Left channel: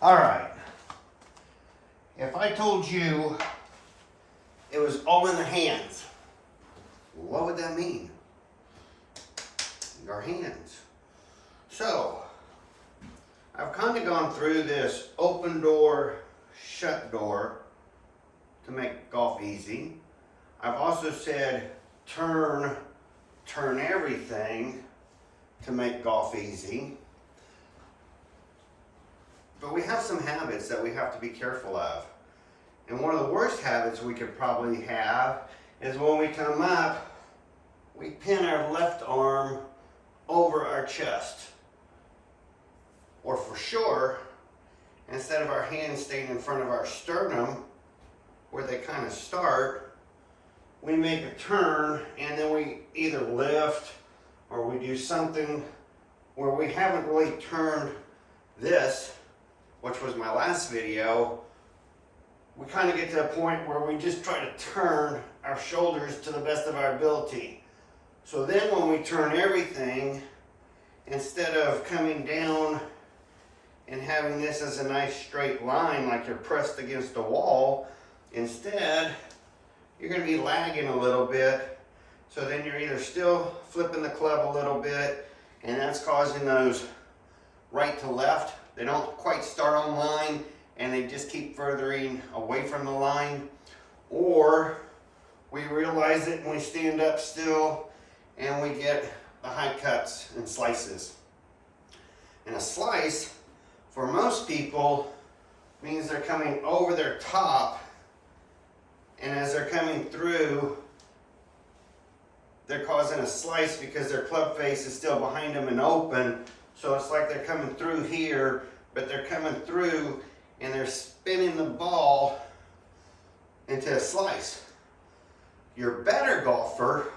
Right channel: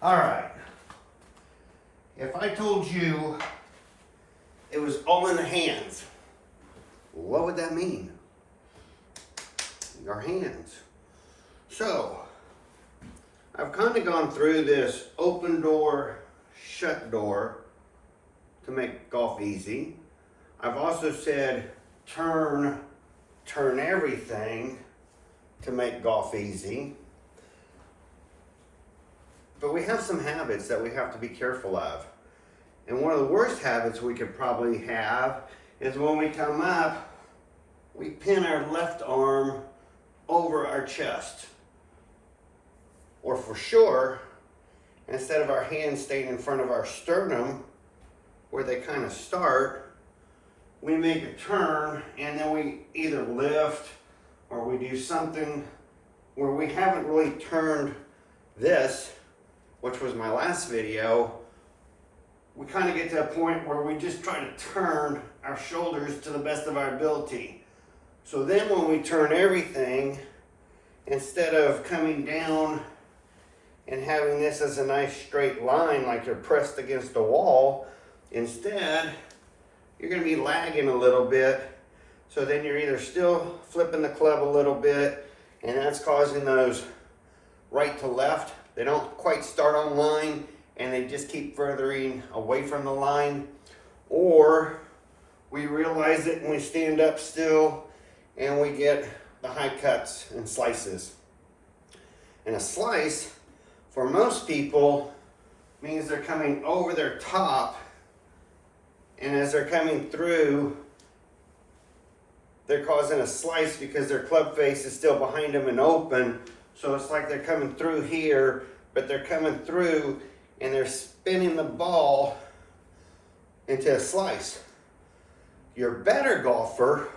All right. If I told you it was all in the hands, what would that mean? Your hands. So, I've kind of gone through this open door, shut door to make golf easy. I've also said turn everything to make golf easy. But we have some habits that we have to be careful of. And one of the worst habits we could probably have is when we come up, we pin our left arm over our chest. Or for sure, instead of our hands staying in front of our sternum, where they kind of start, we make a turn and then we either lift or we do something where we haven't really turned this, which was my last video. We kind of get to a point where we just try to turn our shoulders to the best of our ability. So then when we turn everything, instead of coming down and having this as a nice straight line like you're pressed against a wall, instead you're going to be lagging a little bit. So then you're either still flipping the club a little bit, and that's causing those right to left. They don't quite start on line and they just keep furthering away from the line. Or we realize it and we stand up still and we get the high cuts and slices. And a slice, for most people, means they're coming over their top, and as they're coming through, they're causing a slice because their club face is still behind them and open. So it's like they're coming through here, but they're coming through and they're spinning the ball into a slice. Your better golfer,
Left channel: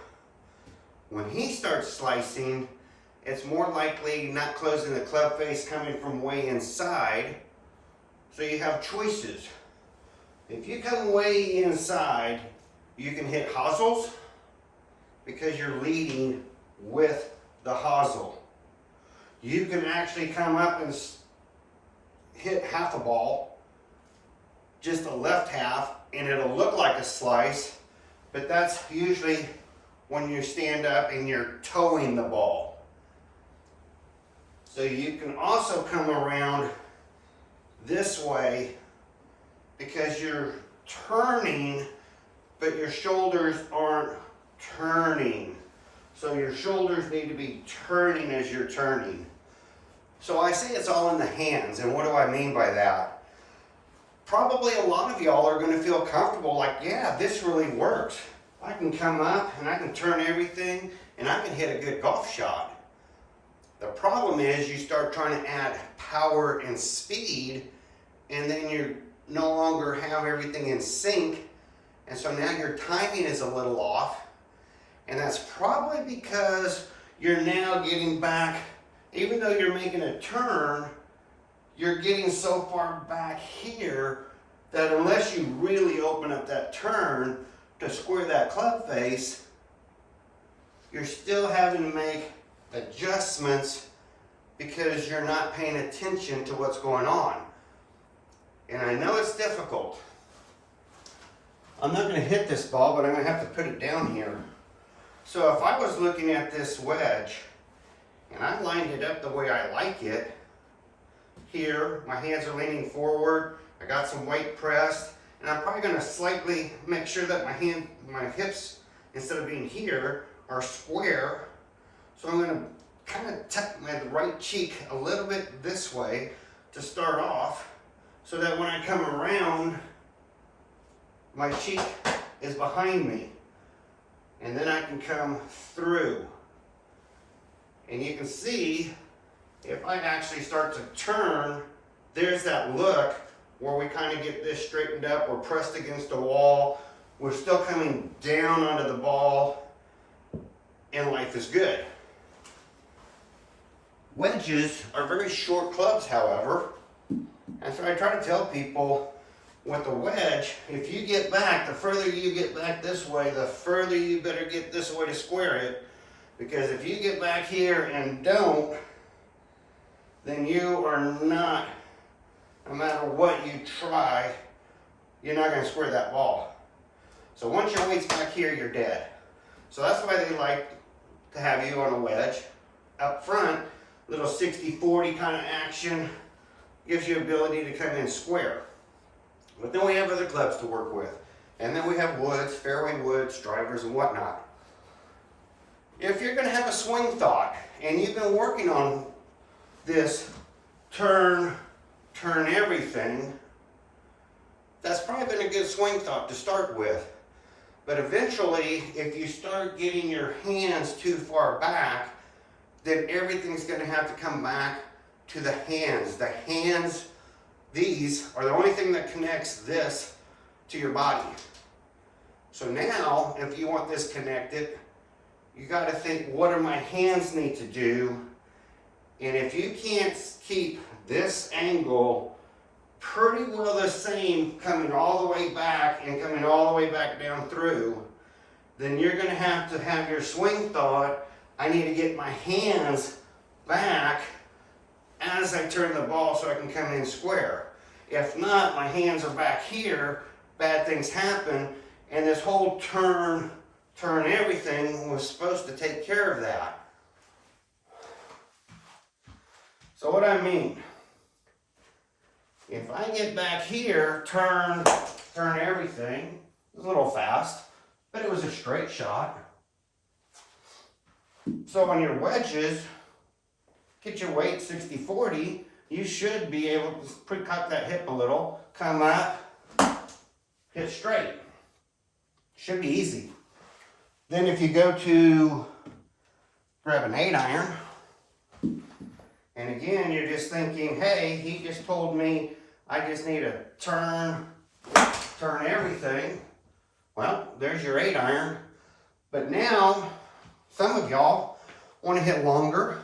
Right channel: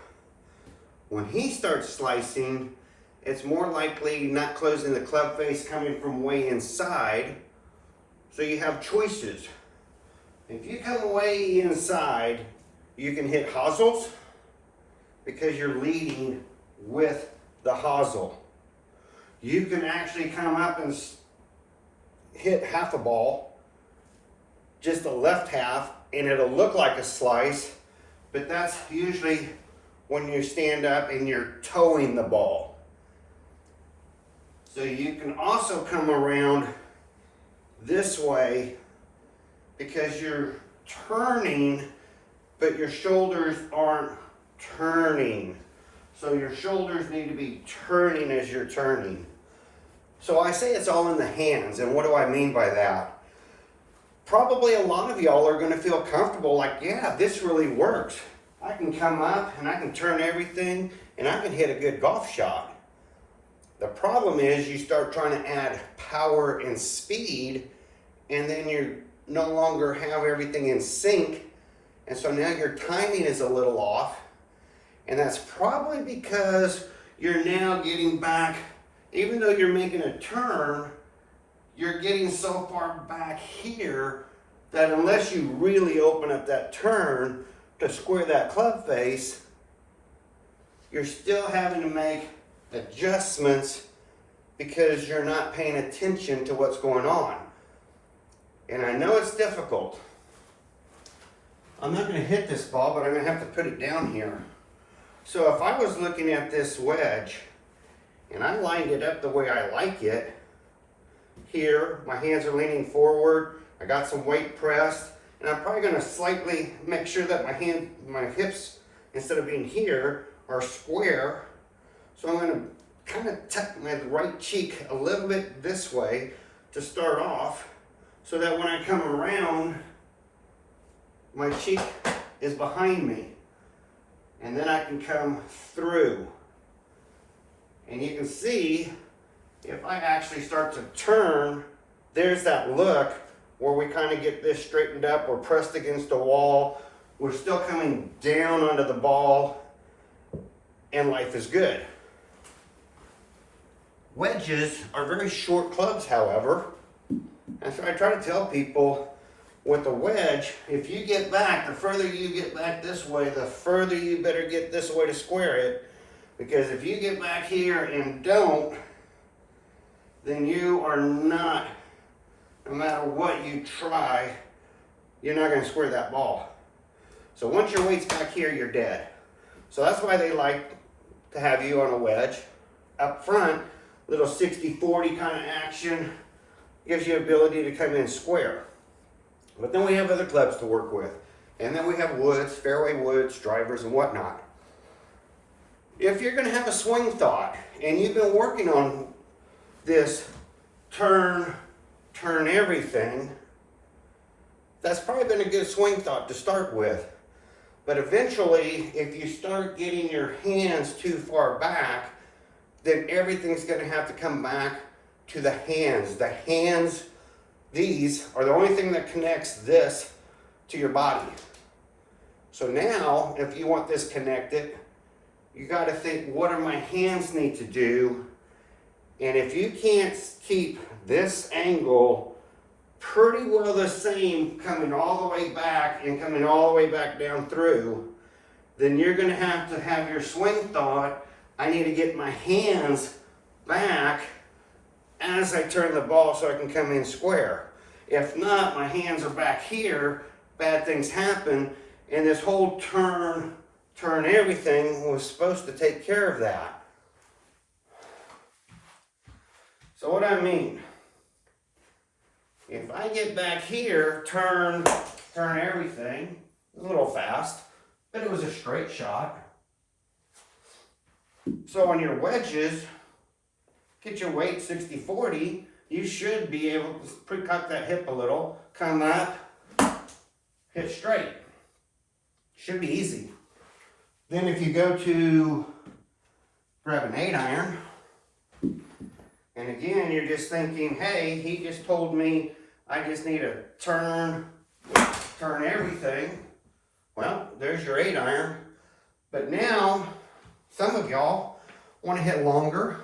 when he starts slicing, it's more likely not closing the club face, coming from way inside. So you have choices. If you come way inside, you can hit hosels because you're leading with the hosel. You can actually come up and hit half the ball, just the left half, and it'll look like a slice, but that's usually when you stand up and you're towing the ball. So you can also come around this way because you're turning, but your shoulders aren't turning. So your shoulders need to be turning as you're turning. So I say it's all in the hands, and what do I mean by that? Probably a lot of y'all are going to feel comfortable like, yeah, this really works. I can come up and I can turn everything and I can hit a good golf shot. The problem is you start trying to add power and speed, and then you no longer have everything in sync, and so now your timing is a little off, and that's probably because you're now getting back. Even though you're making a turn, you're getting so far back here that unless you really open up that turn to square that club face, you're still having to make adjustments because you're not paying attention to what's going on. And I know it's difficult. I'm not going to hit this ball, but I'm going to have to put it down here. So if I was looking at this wedge, and I lined it up the way I like it, here, my hands are leaning forward, I got some weight pressed, and I'm probably going to slightly make sure that my hips, instead of being here, are square. So I'm going to kind of tuck my right cheek a little bit this way to start off, so that when I come around, my cheek is behind me, and then I can come through. And you can see, if I actually start to turn, there's that look where we kind of get this straightened up, we're pressed against a wall, we're still coming down onto the ball, and life is good. Wedges are very short clubs, however, and so I try to tell people with a wedge, if you get back, the further you get back this way, the further you better get this way to square it. Because if you get back here and don't, then you are not, no matter what you try, you're not going to square that ball. So once your weight's back here, you're dead. So that's why they like to have you on a wedge. Up front, little 60-40 kind of action gives you ability to come in square. But then we have other clubs to work with. And then we have woods, fairway woods, drivers, and whatnot. If you're going to have a swing thought, and you've been working on this turn everything, that's probably been a good swing thought to start with. But eventually, if you start getting your hands too far back, then everything's going to have to come back to the hands. The hands, these are the only thing that connects this to your body. So now, if you want this connected, you got to think, what do my hands need to do? And if you can't keep this angle pretty well the same, coming all the way back and coming all the way back down through, then you're going to have your swing thought, I need to get my hands back as I turn the ball so I can come in square. If not, my hands are back here, bad things happen, and this whole turn everything was supposed to take care of that. So what I mean, if I get back here, turn everything, it was a little fast, but it was a straight shot. So on your wedges, get your weight 60-40, you should be able to pre-cock that hip a little, come up, hit straight. Should be easy. Then if you go to grab an 8-iron, and again, you're just thinking, hey, he just told me I just need to turn everything. Well, there's your 8-iron. But now, some of y'all want to hit longer.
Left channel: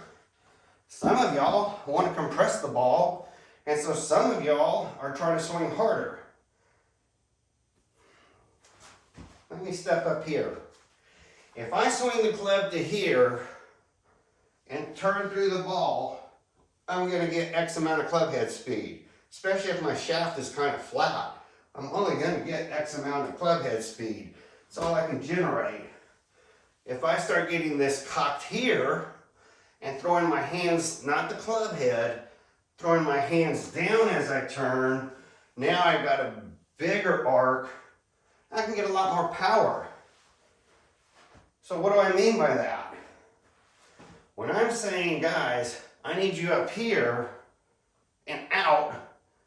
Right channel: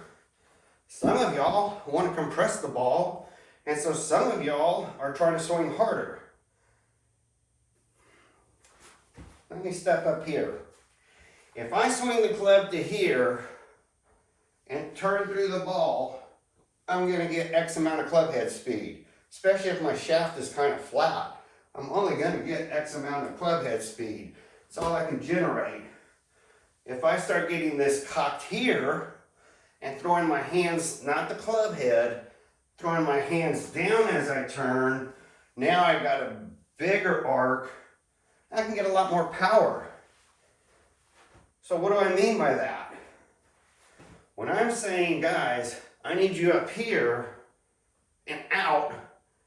Some of y'all want to compress the ball. And so some of y'all are trying to swing harder. Let me step up here. If I swing the club to here and turn through the ball, I'm going to get X amount of club head speed, especially if my shaft is kind of flat. I'm only going to get X amount of club head speed. That's all I can generate. If I start getting this cocked here and throwing my hands, not the club head, throwing my hands down as I turn, now I've got a bigger arc. I can get a lot more power. So what do I mean by that? When I'm saying, guys, I need you up here and out,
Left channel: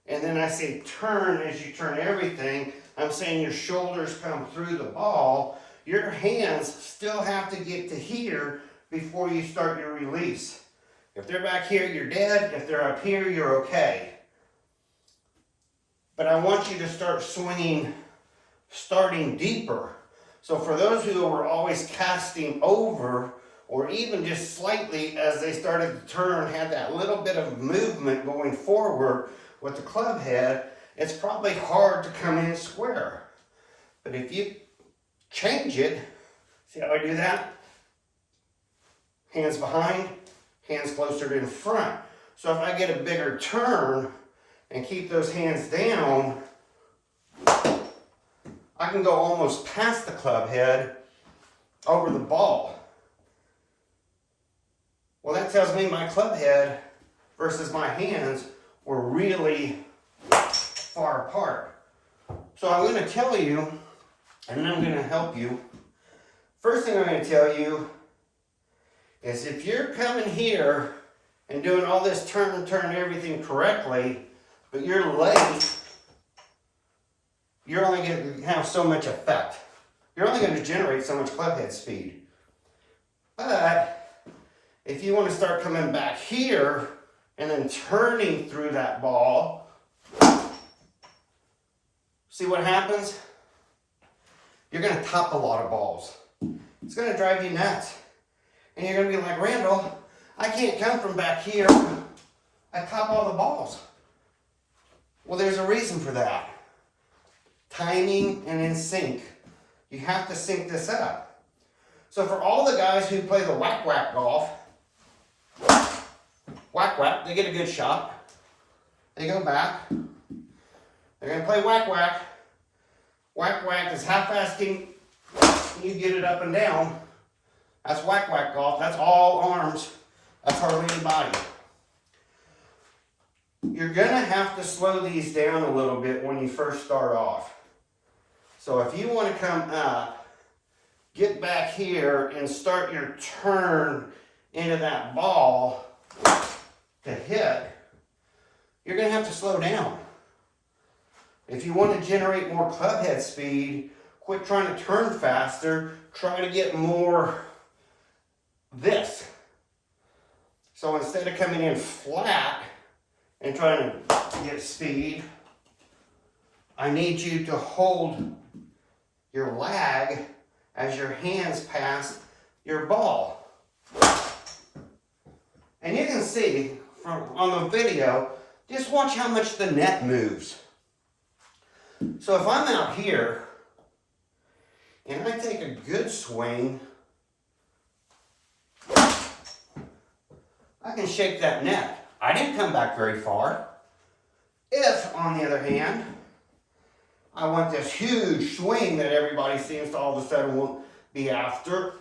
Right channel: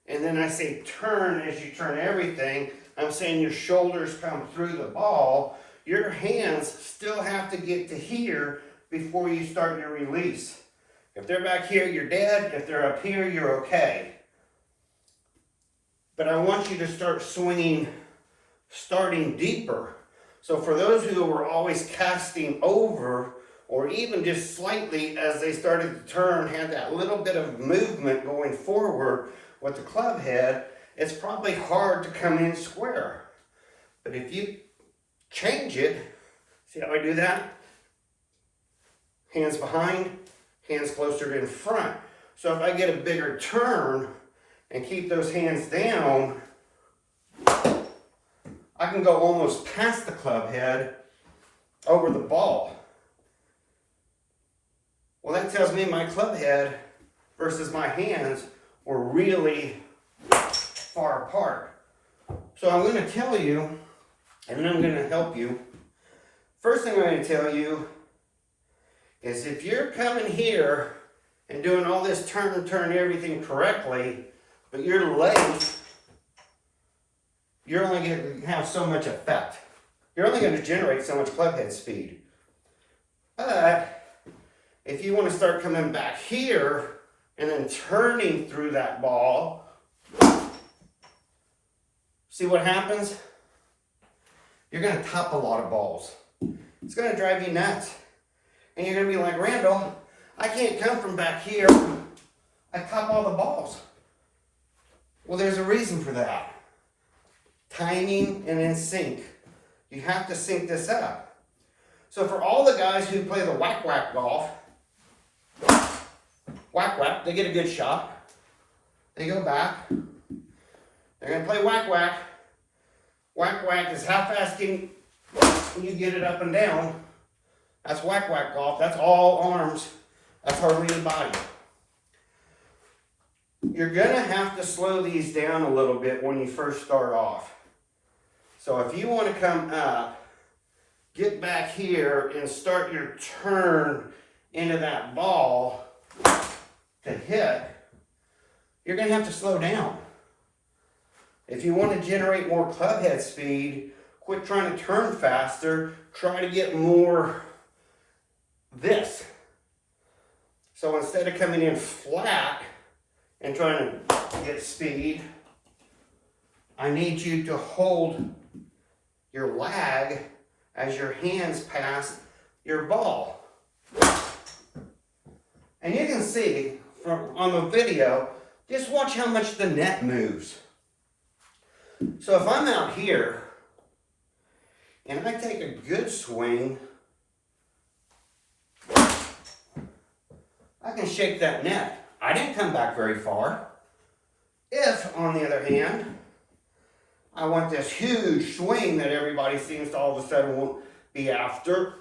and then I say turn as you turn everything, I'm saying your shoulders come through the ball, your hands still have to get to here before you start your release. If they're back here, you're dead. If they're up here, you're okay. But I want you to start swinging, starting deeper. So for those who were always casting over, or even just slightly as they started to turn, had that little bit of movement going forward with the club head, it's probably hard to come in square. But if you change it, see how I do that? Hands behind, hands closer in front. So if I get a bigger turn and keep those hands down, I can go almost past the club head over the ball. Well, that tells me my club head versus my hands were really far apart. So I'm going to tell you, and then I'm going to help you. First thing I'm going to tell you is if you're coming here and doing all this turn everything correctly, but you're late, you're only going to have so much effect. You're only going to generate so much club head speed. But if you want to start coming back here and then turning through that ball, see what happens? You're going to top a lot of balls. It's going to drive you nuts. And you're going to be like, Randall, I can't come from back here. I top all the balls. Well, there's a reason for that. Timing and in sync. You have to sync this up. So for all the guys who play the whack-whack golf, whack-whack, they get a good shot. and go back. They're going to play whack-whack. Whack-whack is how fast can you get it up and down. That's whack-whack golf. That's all arms. That's hardly any body. You're going to have to slow these down a little bit when you first start off. So if you want to come up, get back here and start your turn into that ball to hit, you're going to have to slow down. If you want to generate more club head speed, quit trying to turn faster, try to get more this. So instead of coming in flat and trying to get speed, I need you to hold your lag as your hands pass your ball. And you can see from on the video, just watch how much the net moves. So if I'm out here and I take a good swing, I can shake that net. I didn't come back very far. If, on the other hand, I want this huge swing that everybody seems to all of a sudden be after,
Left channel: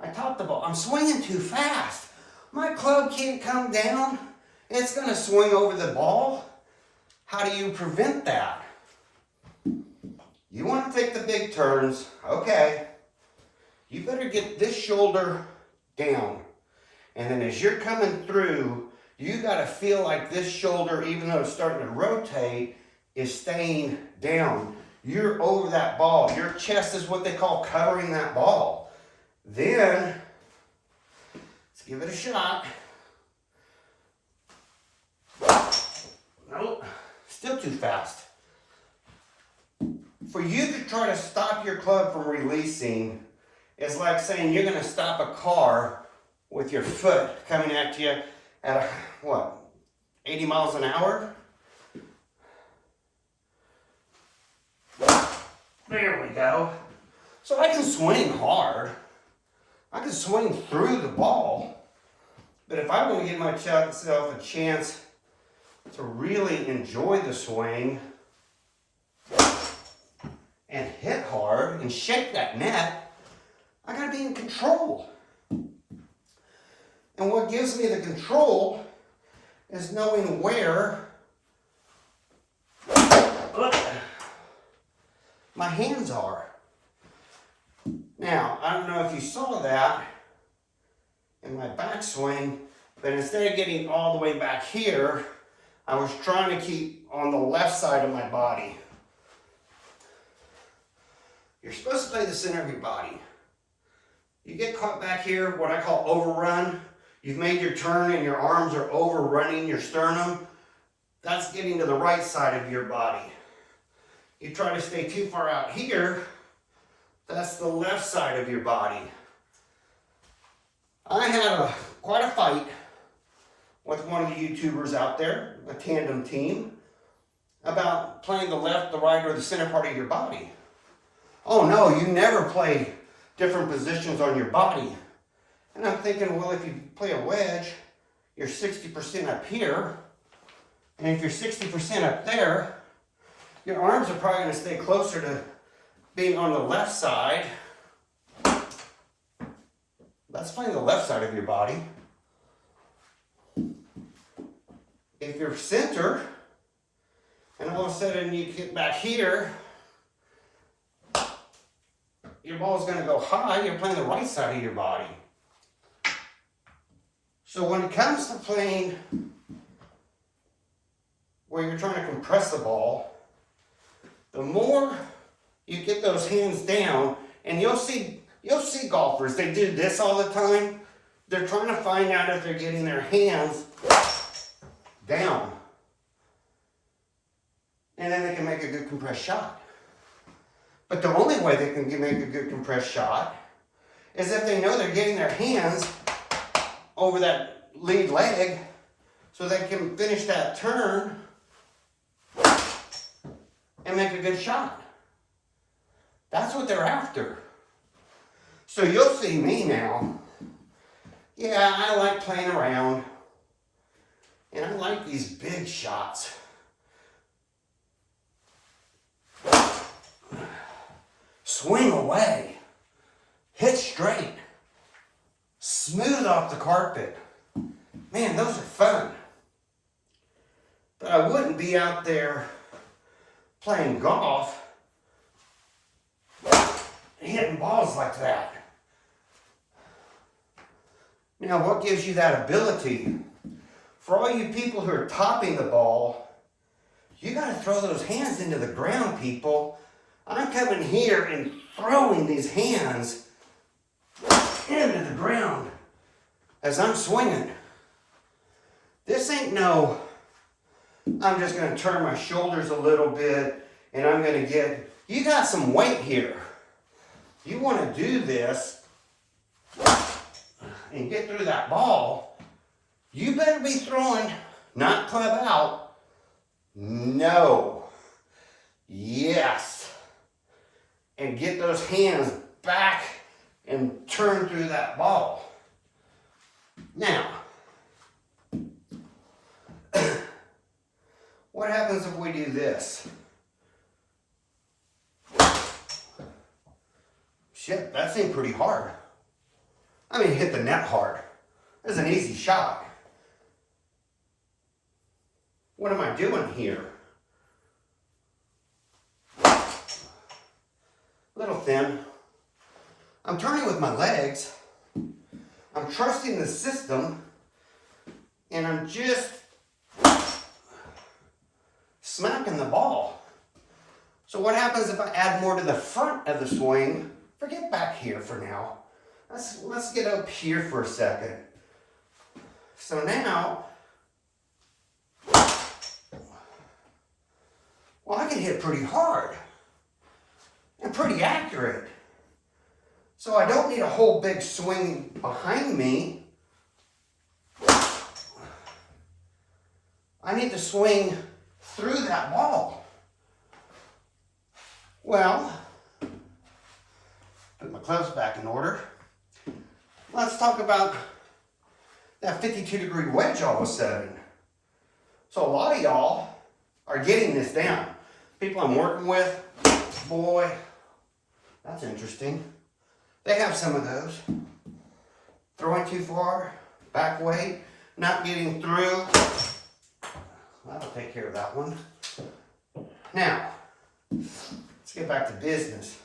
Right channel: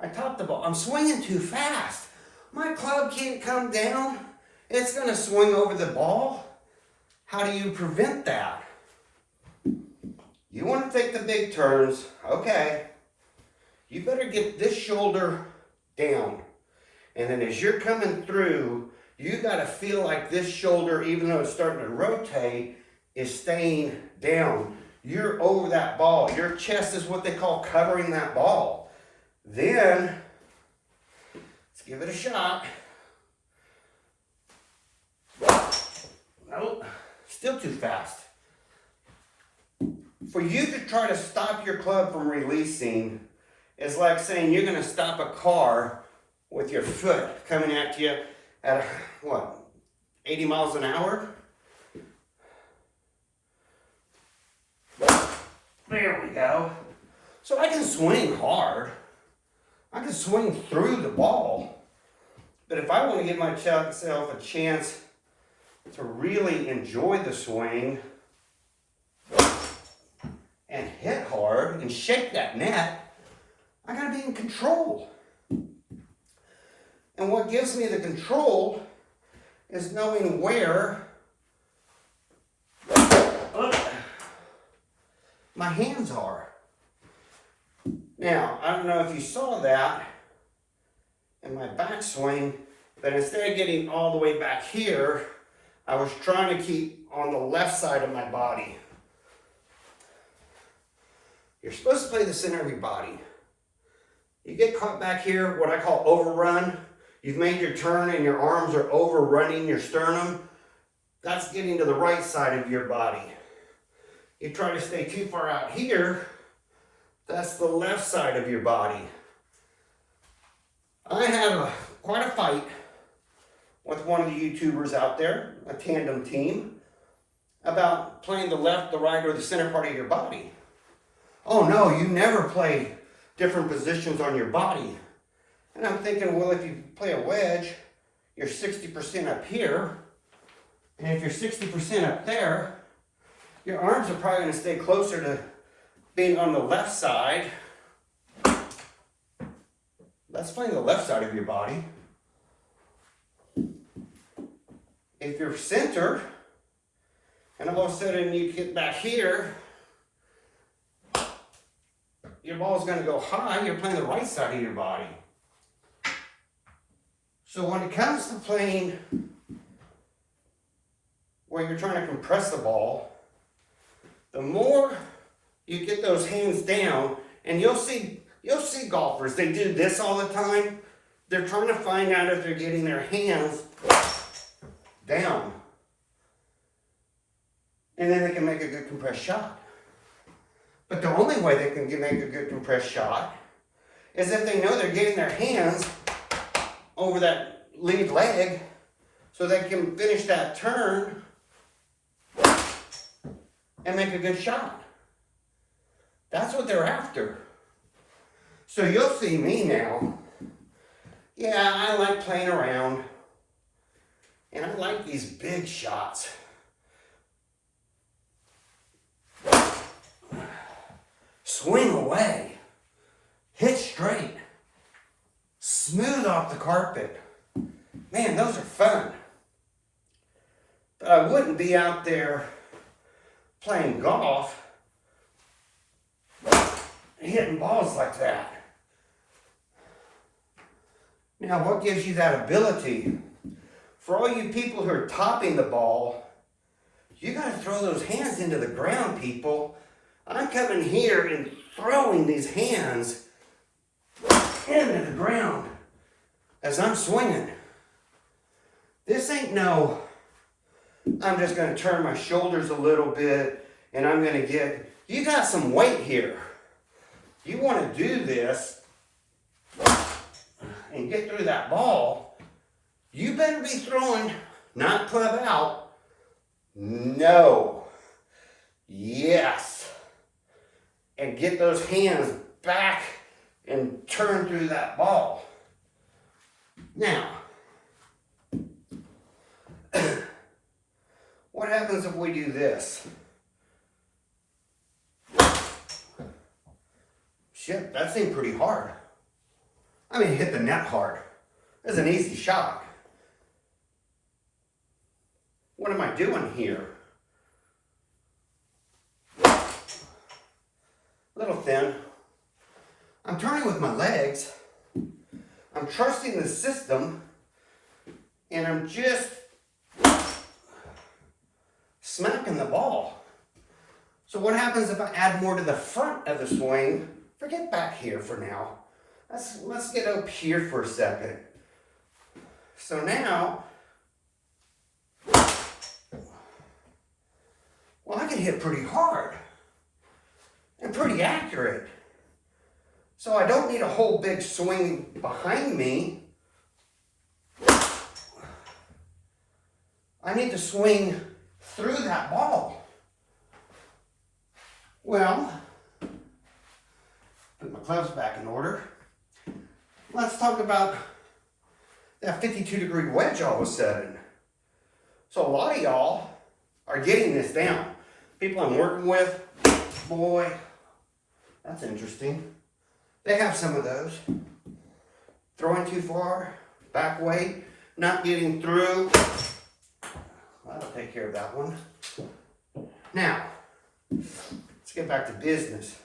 I topped the ball. I'm swinging too fast. My club can't come down. It's going to swing over the ball. How do you prevent that? You want to take the big turns. Okay. You better get this shoulder down. And then as you're coming through, you got to feel like this shoulder, even though it's starting to rotate, is staying down. You're over that ball. Your chest is what they call covering that ball. Then, let's give it a shot. Nope, still too fast. For you to try to stop your club from releasing is like saying you're going to stop a car with your foot coming at you at, 80 miles an hour? There we go. So I can swing hard. I can swing through the ball. But if I want to give myself a chance to really enjoy the swing and hit hard and shake that net, I got to be in control. And what gives me the control is knowing where my hands are. Now, I don't know if you saw that in my backswing, but instead of getting all the way back here, I was trying to keep on the left side of my body. You're supposed to play the center of your body. You get caught back here, what I call overrun. You've made your turn and your arms are overrunning your sternum. That's getting to the right side of your body. You try to stay too far out here, that's the left side of your body. I had quite a fight with one of the YouTubers out there, a tandem team, about playing the left, the right, or the center part of your body. Oh no, you never play different positions on your body. And I'm thinking, well, if you play a wedge, you're 60% up here. And if you're 60% up there, your arms are probably going to stay closer to being on the left side. That's playing the left side of your body. If you're center, and all of a sudden you get back here, your ball's going to go high, you're playing the right side of your body. So when it comes to playing where you're trying to compress the ball, the more you get those hands down, and you'll see golfers, they do this all the time. They're trying to find out if they're getting their hands down. And then they can make a good compressed shot. But the only way they can make a good compressed shot is if they know they're getting their hands over that lead leg so they can finish that turn and make a good shot. That's what they're after. So you'll see me now. Yeah, I like playing around. And I like these big shots. Swing away. Hit straight. Smooth off the carpet. Man, those are fun. But I wouldn't be out there playing golf hitting balls like that. Now, what gives you that ability? For all you people who are topping the ball, you got to throw those hands into the ground, people. I'm coming here and throwing these hands into the ground as I'm swinging. This ain't no, I'm just going to turn my shoulders a little bit and I'm going to get, you got some weight here. You want to do this and get through that ball, you better be throwing, not club out. No. Yes. And get those hands back and turn through that ball. Now, what happens if we do this? Shit, that seemed pretty hard. I mean, hit the net hard. That's an easy shot. What am I doing here? A little thin. I'm turning with my legs. I'm trusting the system. And I'm just smacking the ball. So what happens if I add more to the front of the swing? Forget back here for now. Let's get up here for a second. So now, well, I can hit pretty hard and pretty accurate. So I don't need a whole big swing behind me. I need to swing through that ball. Well, put my clubs back in order. Let's talk about that 52-degree wedge I was setting. So a lot of y'all are getting this down. People I'm working with, boy, that's interesting. They have some of those. Throwing too far, back weight, not getting through. That'll take care of that one. Now, let's get back to business.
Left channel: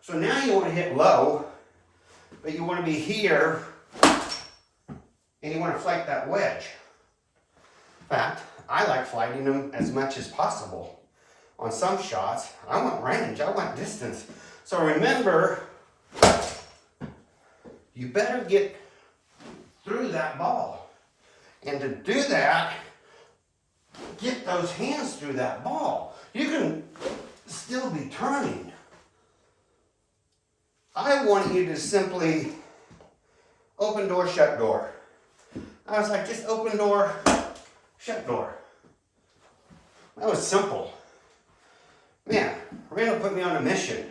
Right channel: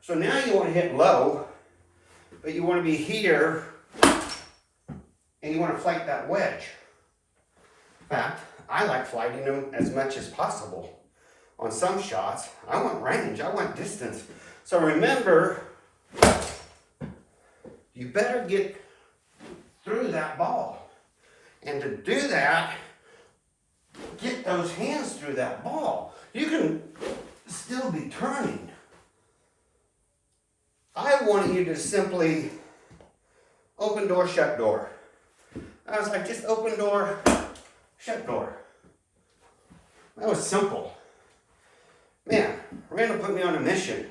So now you want to hit low, but you want to be here, and you want to flight that wedge. In fact, I like flighting them as much as possible. On some shots, I want range, I want distance. So remember, you better get through that ball. And to do that, get those hands through that ball. You can still be turning. I want you to simply open door, shut door. I was like, just open door, shut door. That was simple. Man, Randall put me on a mission.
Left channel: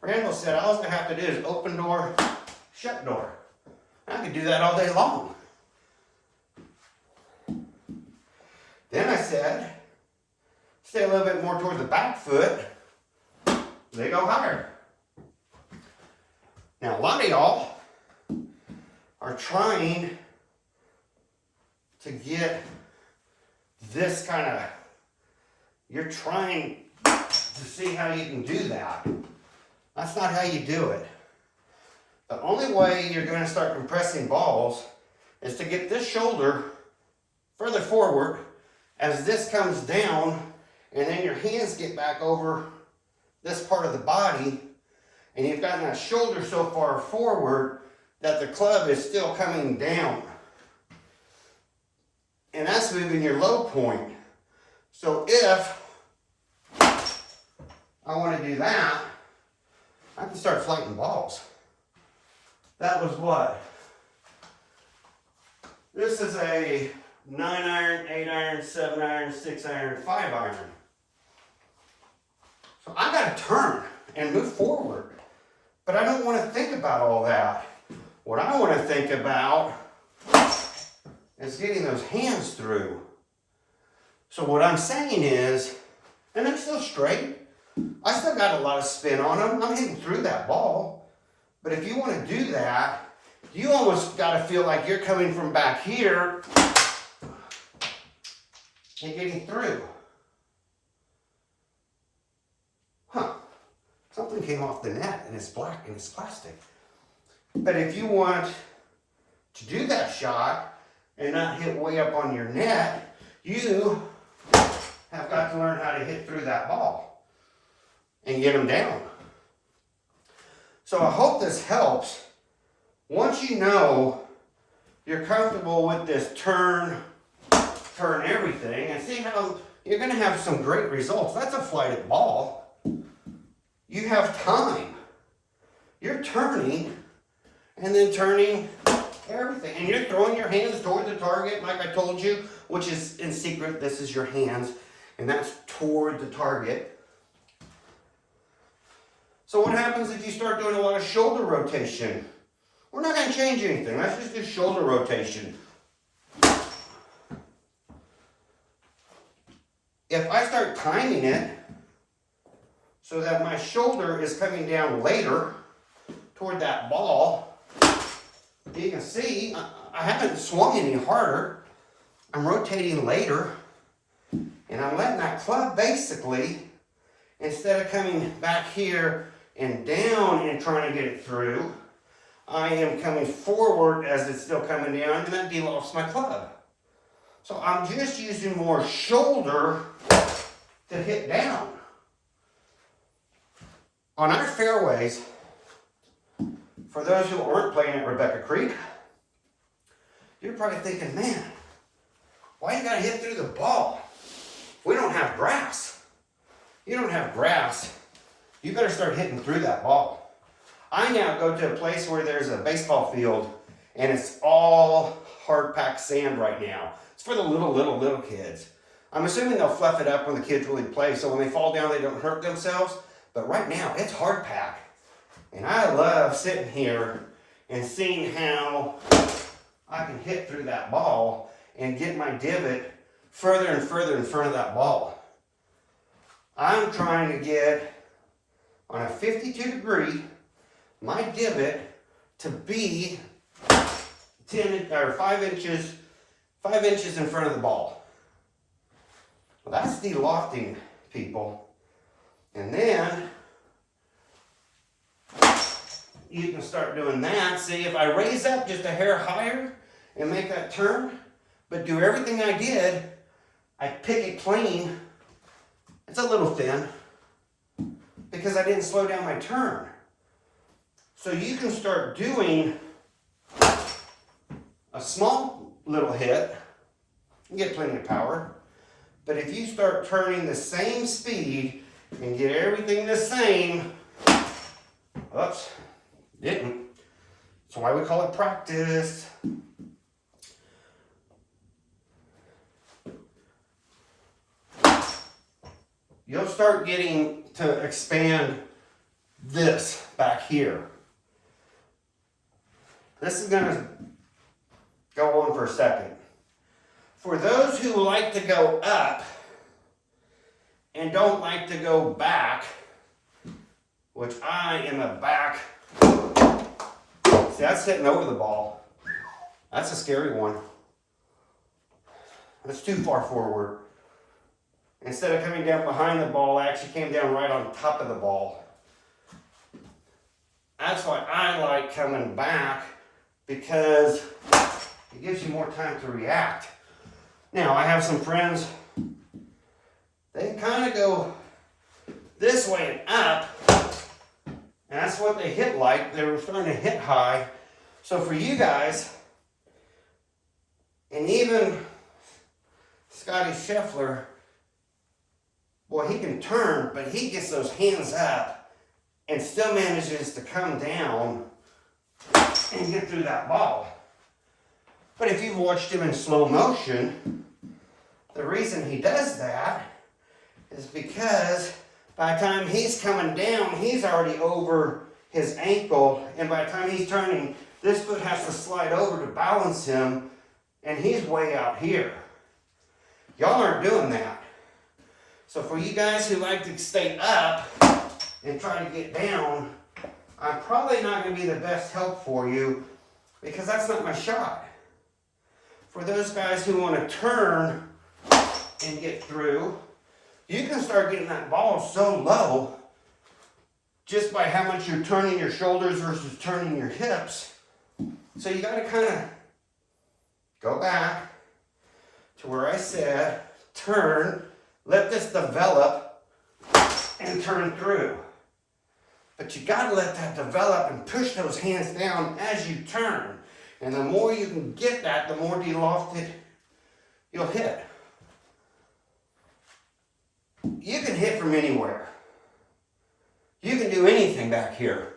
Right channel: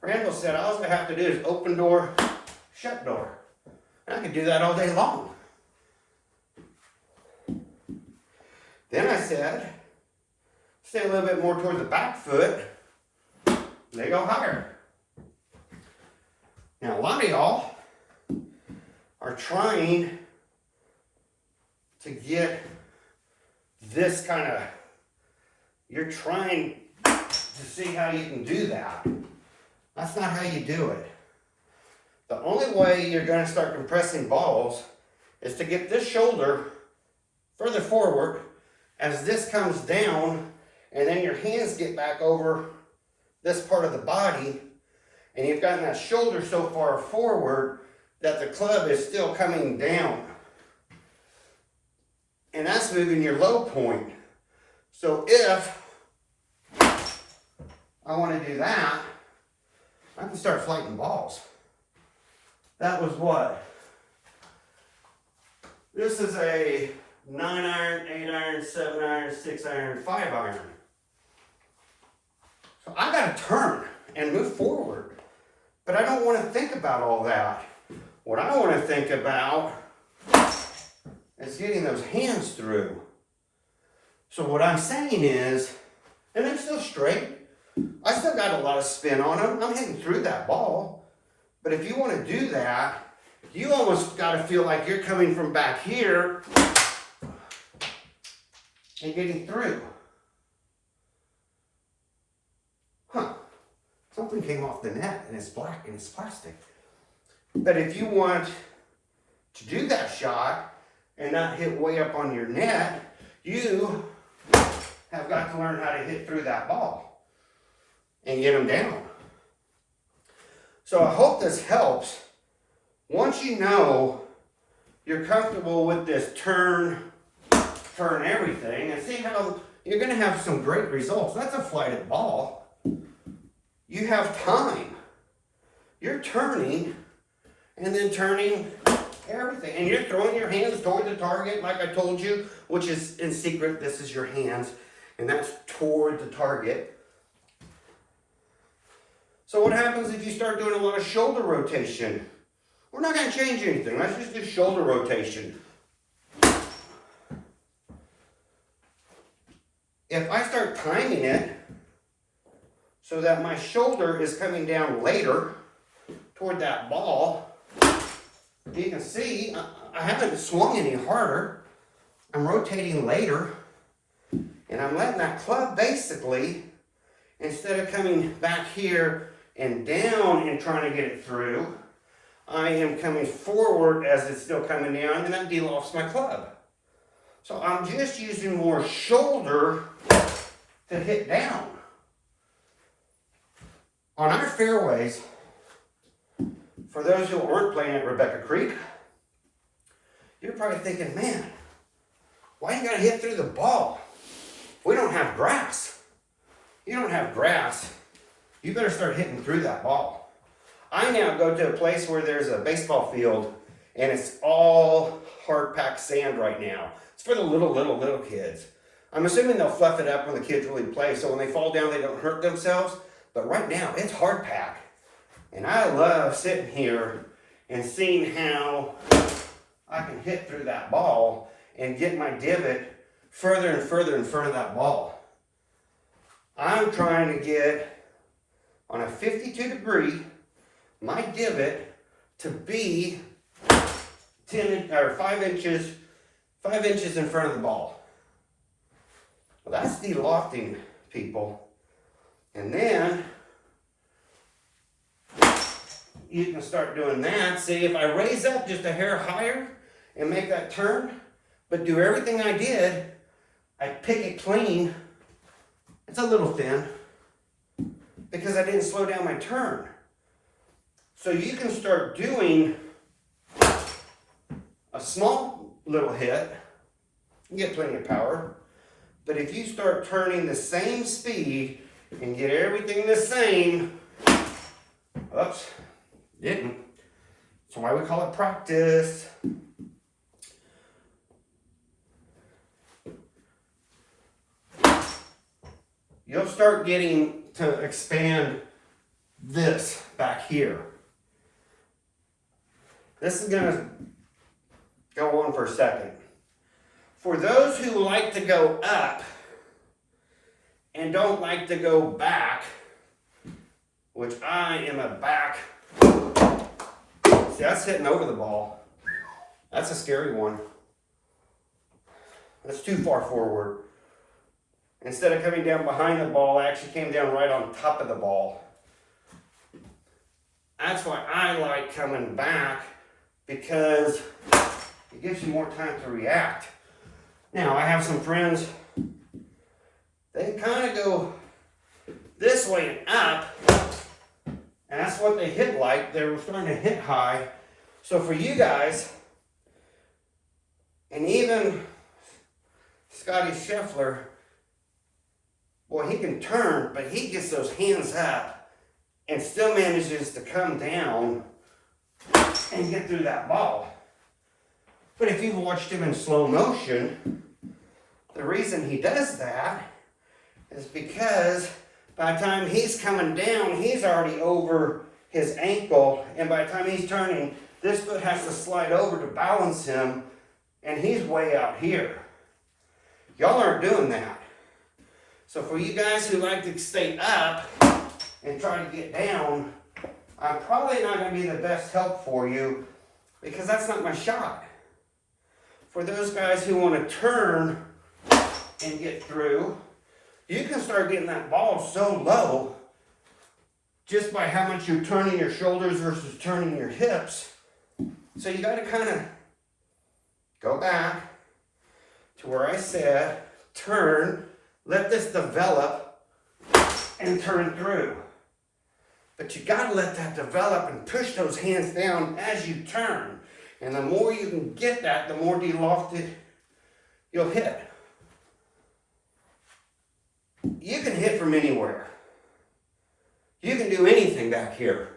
Randall said all I have to do is open door, shut door. I could do that all day long. Then I said, stay a little bit more toward the back foot. They go higher. Now, a lot of y'all are trying to get this kind of, you're trying to see how you can do that. That's not how you do it. The only way you're going to start compressing balls is to get this shoulder further forward as this comes down, and then your hands get back over this part of the body, and you've gotten that shoulder so far forward that the club is still coming down. And that's moving your low point. So if I want to do that, I can start flighting balls. That was what? This is a 9-iron, 8-iron, 7-iron, 6-iron, 5-iron. So I got to turn and move forward. But I don't want to think about all that. What I want to think about is getting those hands through. So what I'm saying is, and I'm still straight, I still got a lot of spin on them. I'm hitting through that ball. But if you want to do that, you almost got to feel like you're coming from back here and getting through. Huh. Something came off the net and it's black and it's plastic. But if you want to do that shot and not hit way up on your net, you have got to learn how to hit through that ball and get them down. So I hope this helps. Once you know you're comfortable with this turn everything, and see how you're going to have some great results. That's a flighted ball. You have time. You're turning and then turning everything. And you're throwing your hands toward the target, like I told you, which is in secret. This is your hands, and that's toward the target. So what happens if you start doing a lot of shoulder rotation? We're not going to change anything. Let's just do shoulder rotation. If I start timing it so that my shoulder is coming down later toward that ball, you can see I haven't swung any harder. I'm rotating later, and I'm letting that club basically, instead of coming back here and down and trying to get it through, I am coming forward as it's still coming down, and that de-lofts my club. So I'm just using more shoulder to hit down. On our fairways, for those who aren't playing at Rebecca Creek, you're probably thinking, man, why you gotta hit through the ball? We don't have grass. You don't have grass. You better start hitting through that ball. I now go to a place where there's a baseball field and it's all hard-packed sand right now. It's for the little kids. I'm assuming they'll fluff it up when the kids really play, so when they fall down, they don't hurt themselves. But right now, it's hard-packed. And I love sitting here and seeing how I can hit through that ball and get my divot further and further in front of that ball. I'm trying to get, on a 52 degree, my divot to be 5 inches in front of the ball. Well, that's de-lofting, people. And then you can start doing that. See, if I raise up just a hair higher and make that turn, but do everything I did, I pick it clean. It's a little thin because I didn't slow down my turn. So you can start doing a small little hit, you get plenty of power, but if you start turning the same speed and get everything the same, oops, didn't. That's why we call it practice. You'll start getting to expand this back here. This is going to go on for a second. For those who like to go up and don't like to go back, which I am a back. See, that's hitting over the ball. That's a scary one. That's too far forward. Instead of coming down behind the ball, I actually came down right on top of the ball. That's why I like coming back, because it gives you more time to react. Now, I have some friends, they kind of go this way and up, and that's what they hit like. They were starting to hit high. So for you guys, and even Scotty Scheffler, boy, he can turn, but he gets those hands up and still manages to come down and get through that ball. But if you've watched him in slow motion, the reason he does that is because by the time he's coming down, he's already over his ankle, and by the time he's turning, this foot has to slide over to balance him and he's way out here. Y'all aren't doing that. So for you guys who like to stay up and try to get down, I'm probably not going to be the best help for you because that's not my shot. For those guys who want to turn and get through, you can start getting that ball so low just by how much you're turning your shoulders versus turning your hips. So you got to kind of go back to where I said, turn, let this develop, and turn through. But you got to let that develop and push those hands down as you turn. And the more you can get that, the more de-lofted you'll hit. You can hit from anywhere. You can do anything back here.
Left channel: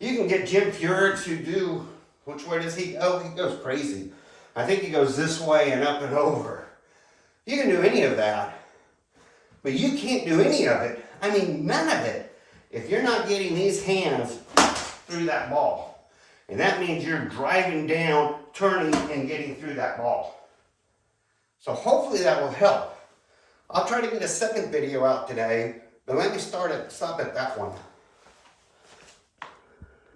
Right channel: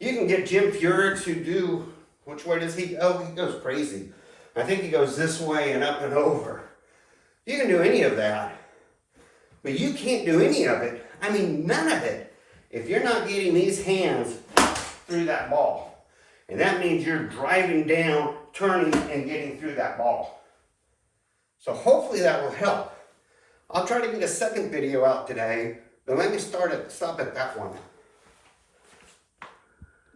You can get Jim Furyk to do, which way does he go? He goes crazy. I think he goes this way and up and over. You can do any of that. But you can't do any of it. I mean, none of it, if you're not getting these hands through that ball. And that means you're driving down, turning, and getting through that ball. So hopefully that will help. I'll try to get a second video out today, but let me stop at that one.